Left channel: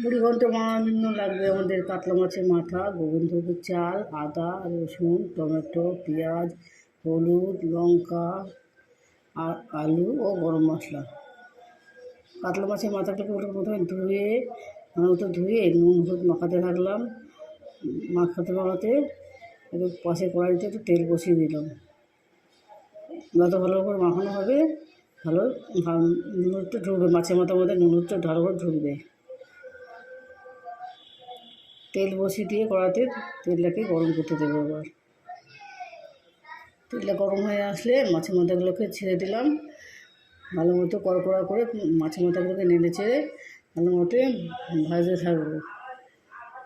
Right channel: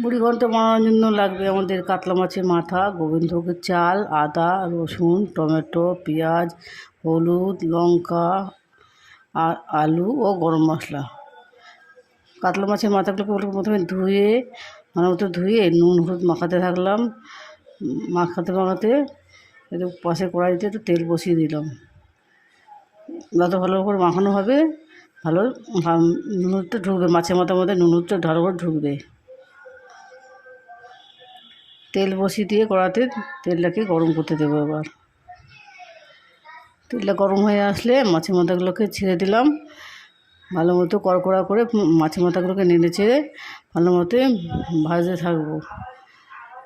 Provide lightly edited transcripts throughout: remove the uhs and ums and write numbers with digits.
বুড়ি ঘন্ট বানানোর জন্য লাগবে আমাদের কাতলা মাছের মাথা, গোবিন্দভোগের চাল, আদা, রসুন, টমেটো, পেঁয়াজ, হলুদ, লঙ্কা, আর আলু ও গরম মশলা। কাতলা মাছের মাথাগুলোকে প্রথমে ধুয়ে ভালো মতো ধুয়ে নুন হলুদ মাখাতে থাকলাম। মাখাতে একটু পাশে কড়াইতে একটু তেল বসিয়ে দিলাম। যত ভালো করে মাখানো হবে ভালো নুনটা ঢুকবে, মাছের মাথার মধ্যে নুনটা ভালো করে ঢুকবে। তেল বসিয়ে দিয়ে কড়াতে তেলটাকে গরম করতে দেবো। এবার তেলটা গরম হয়ে আসলে মাছের মাথাগুলোকে ছেড়ে দিলাম। ভালো মতো কড়কড়া করে মাছের মাথাগুলোকে নেড়ে ছেড়ে ভালো মতো ভাজতে থাকবো।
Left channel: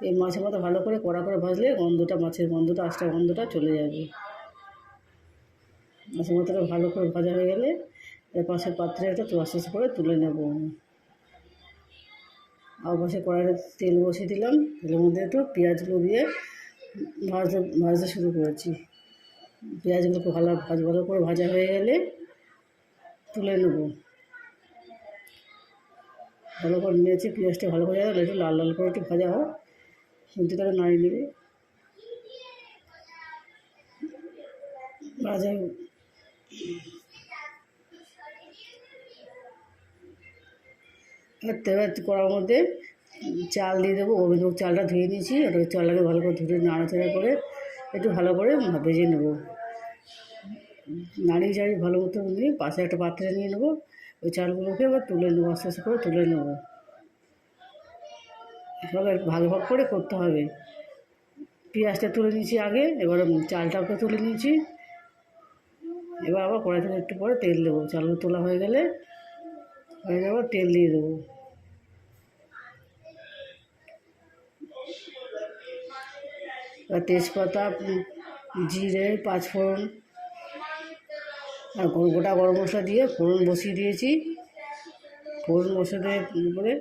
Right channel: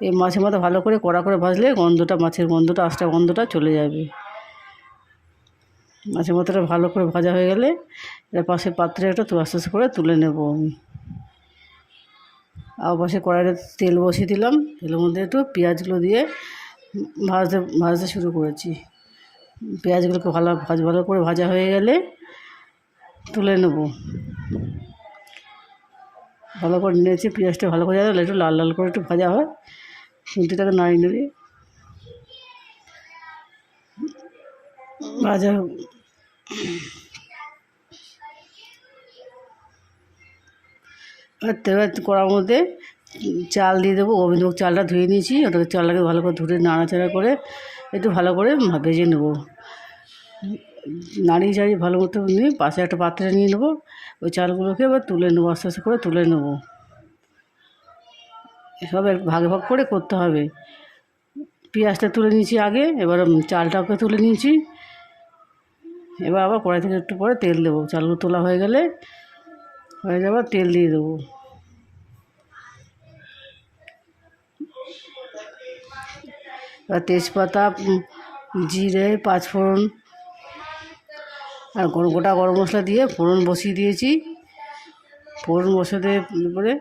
এই মাছের মাথা ভালো করে কড়া করে ভাজলে মাছের গন্ধটা আস্তে গন্ধটা চলে যাবে। মাছের মাথাটা ভালো করে ভাজা হয়ে গেলে এর পাশে পাত্রে একটা আস্তে আস্তে করে তুলে নেব আমি। আর পাশে কড়াইতে তেল বসিয়ে দিলাম। তেলের মধ্যে একটু পেঁয়াজগুলো দিয়ে ভাজতে শুরু করেছি। পেঁয়াজগুলোকে ভালো করে ভাজা হয়ে গেলে তুলে নেব। ভালো করে নিয়েছি, পেঁয়াজটা ভালো করে একটু লাল লাল করে একটু ভাজা হয়, খুন্তিটাকে নাড়িয়ে নেড়ে ভাজা। এবার কড়ার মধ্যে চাল দিয়ে দেবো। গোবিন্দভোগ চালটা ধুয়ে নিয়েছি, ওটাকে চালটাকে ভালো করে ধুয়ে নাড়াচাড়া করে একটু ভালো করে ভেজে নেব। নাড়িয়ে চাড়িয়ে ভালো মতো নিয়ে পাশে একটা পাত্রে নিয়ে নেবো। ওই চালগুলোকে এবার তুলে নেবো, আস্তে আস্তে করে তুলে নেবো। সব ভাগ ভাগ করে করতে হবে। পেঁয়াজটা তুলে নিয়েছি আগে, এবার চালটাকে তুলে নিয়েছি। এবার আবার কড়াই থেকে একটু পরে তেল দেবো। চালগুলো তোলা হয়ে গেলে আবার তেল দিয়ে দেবো। এবার তেজপাতা, জিরে, পাঁচফোড়ন আর গোটা গরম মশলা দিয়ে ফোড়ন বসিয়ে দিয়েছি। ফোড়ন বসাতে পরে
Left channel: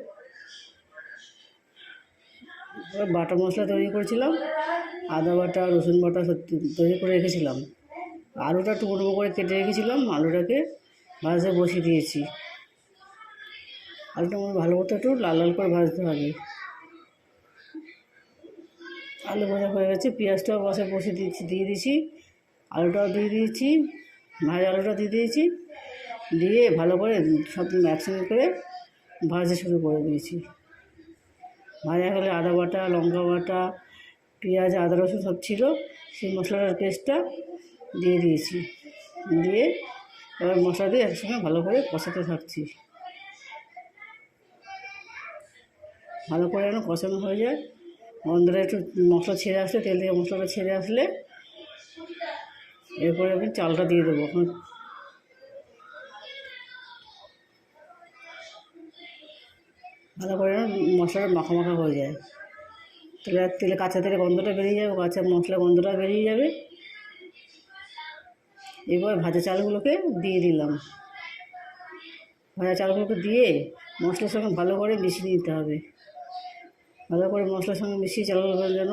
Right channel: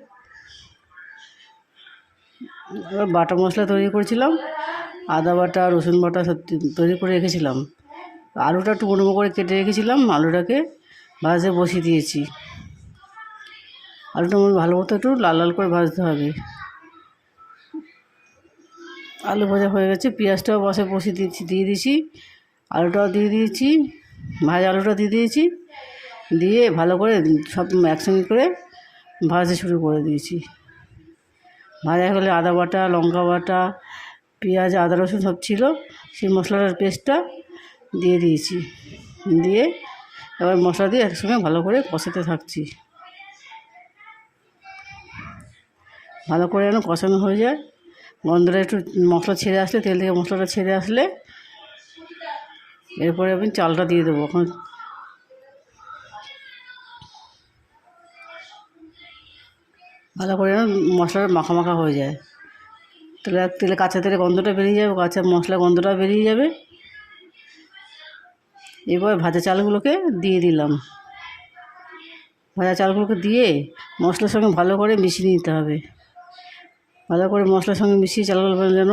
এবার বাটা মশলা তৈরি করেছিলাম, আদা বাটা, রসুন বাটা সব তৈরি করে রেখেছিলাম। আলুটা একটু মুড়ো করে কেটে রেখেছিলাম, আলুটাকে ভাজতে বসিয়ে দিয়েছি। আলুটা ভালো মতো একটু লাল লাল করে ভাজতে হবে। আলু ভাজা হয়ে গেছে, পেঁয়াজটাও বসিয়ে দিয়ে দিয়েছি, আলুটাও দিয়ে দিয়েছি, ভাজা আলুটা দিয়ে দিয়েছি। দিয়ে ভালো করে সব একসঙ্গে করে ভাজতে শুরু করে দিয়েছি। ভাজা হলে আদা বাটা, লঙ্কা বাটা, পেঁয়াজ, আদা রসুন সব ছিল, সেই মশলাটার পেস্টটা দিয়ে দিয়েছি। দিয়ে এবার মশলা দিয়ে একসঙ্গে ভালো করে কষাতে থাকছি। ভালো করে যেন কষানো হয়ে যায়, গন্ধটা একটু মশলা ছেড়ে আসলে, তেল থেকে মশলাটা ছেড়ে আসলে এরপরে আমি চালটা দিয়ে দেবো। এখন ভালো করে মশলাটা মাখা মাখা হয়ে যায়, তেলে কাঁচা তেলে গন্ধটা বেরিয়ে যাবে, কাঁচা মশলা গন্ধটা বেরিয়ে যাবে। এবার ভাজা চালগুলোকে দিয়ে দিলাম। ভাজা চালগুলোকে দিয়ে মশলার সঙ্গে ভালো করে মিশিয়ে নিতে হবে। ভালো করে মশলার সঙ্গে মিশিয়ে চালগুলো যেন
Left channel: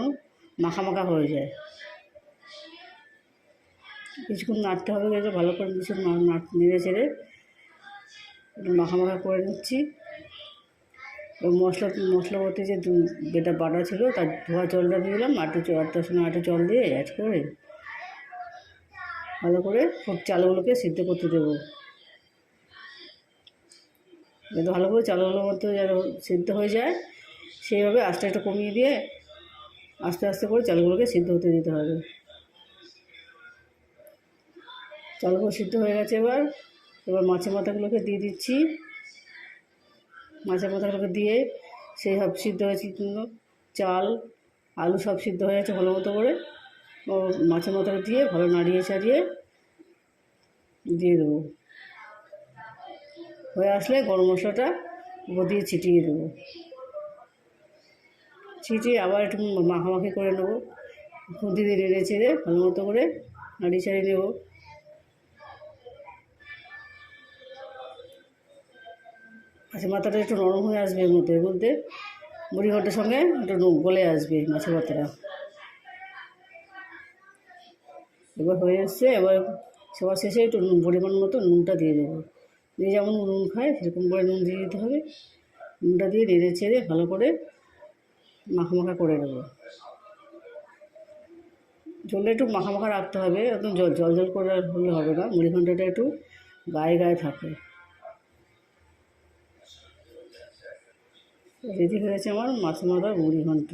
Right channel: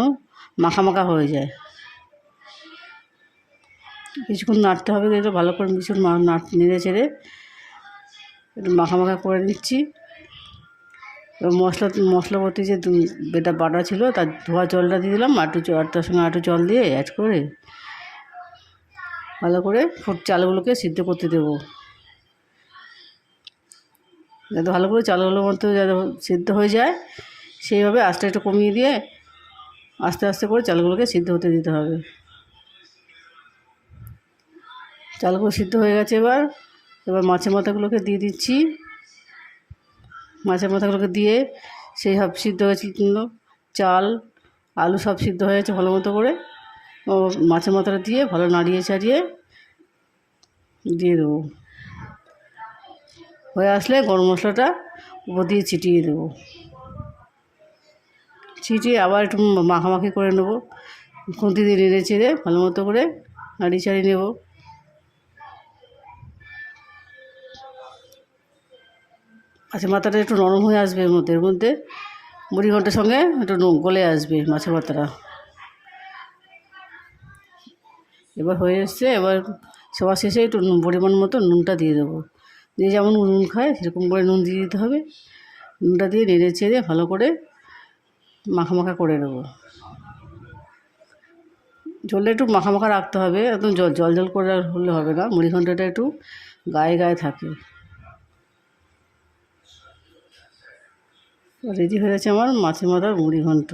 মাখা মাখা হয়ে যায়। কিছুক্ষণ নাড়তে হবে, একটু ভালো করে নেড়ে চেড়ে একটু মাখা মাখা করে নিচ্ছি। এবার মশলাপত্তি যে বেটা বাটা ছিল তার ধোয়া জলটা দিয়ে দিলাম, তার সঙ্গে একটু জল দিয়ে অ্যাড করে ভালো করে চালগুলোকে সিদ্ধ করতে দেবো। যাতে ভালো করে চালগুলোর মতো যাতে সিদ্ধ হয়ে যায়, সেইভাবে আস্তে একটু কমিয়ে দিয়ে আস্তে আস্তে করে চালগুলোকে সিদ্ধ হতে দিতে হবে। চালগুলো সিদ্ধ হয়ে গেছে। এবার মাছের মাথাগুলোকে দিয়ে দিচ্ছি। মাছের মাথাগুলোকে দিয়ে সেই সব সিদ্ধ হয়েছিল, চাল আলু সব সিদ্ধ হয়ে গেছে ভালো মতো করে। ও মাছের মাথাটা দিয়ে ভালো নাড়িয়ে চাড়িয়ে দিয়ে দেবো। হয়ে আসলে গরম মশলাটা উপর দিয়ে ছিটিয়ে দেবো। ছিটিয়ে আবার একটু মাখামাখি করে নেবো। খুন্তি দিয়ে নেড়ে চেড়ে ভালো মতো করে নাড়িয়ে চাড়িয়ে নেব। মাছের মাথাটা একটু নরম হয়ে আসবে, এর মধ্যে মুড়ি ঘন্টের সঙ্গে একটু গলে আসবে মাছের মাথাটা। এবার হয়ে এসছে। এবার সবার শেষে একটু পরিমাণ মতো নুনটা দিয়ে দেবো। যে যেমন নুন খায় সেরকম করে নুন দিয়ে দিতে হবে। নুনটা দিয়ে নেড়ে চেড়ে ভালো করে মাখা মাখা করে দেবো। ঝোলটা একটু মাখা মাখা রাখতে হবে, একদম জল জল করে হলে হবে না, মুড়িঘণ্টটা একটু গায়ে গায়ে থাকে। রেডি হয়ে গেছে আমার মাছের মাথার মুড়িঘণ্ট।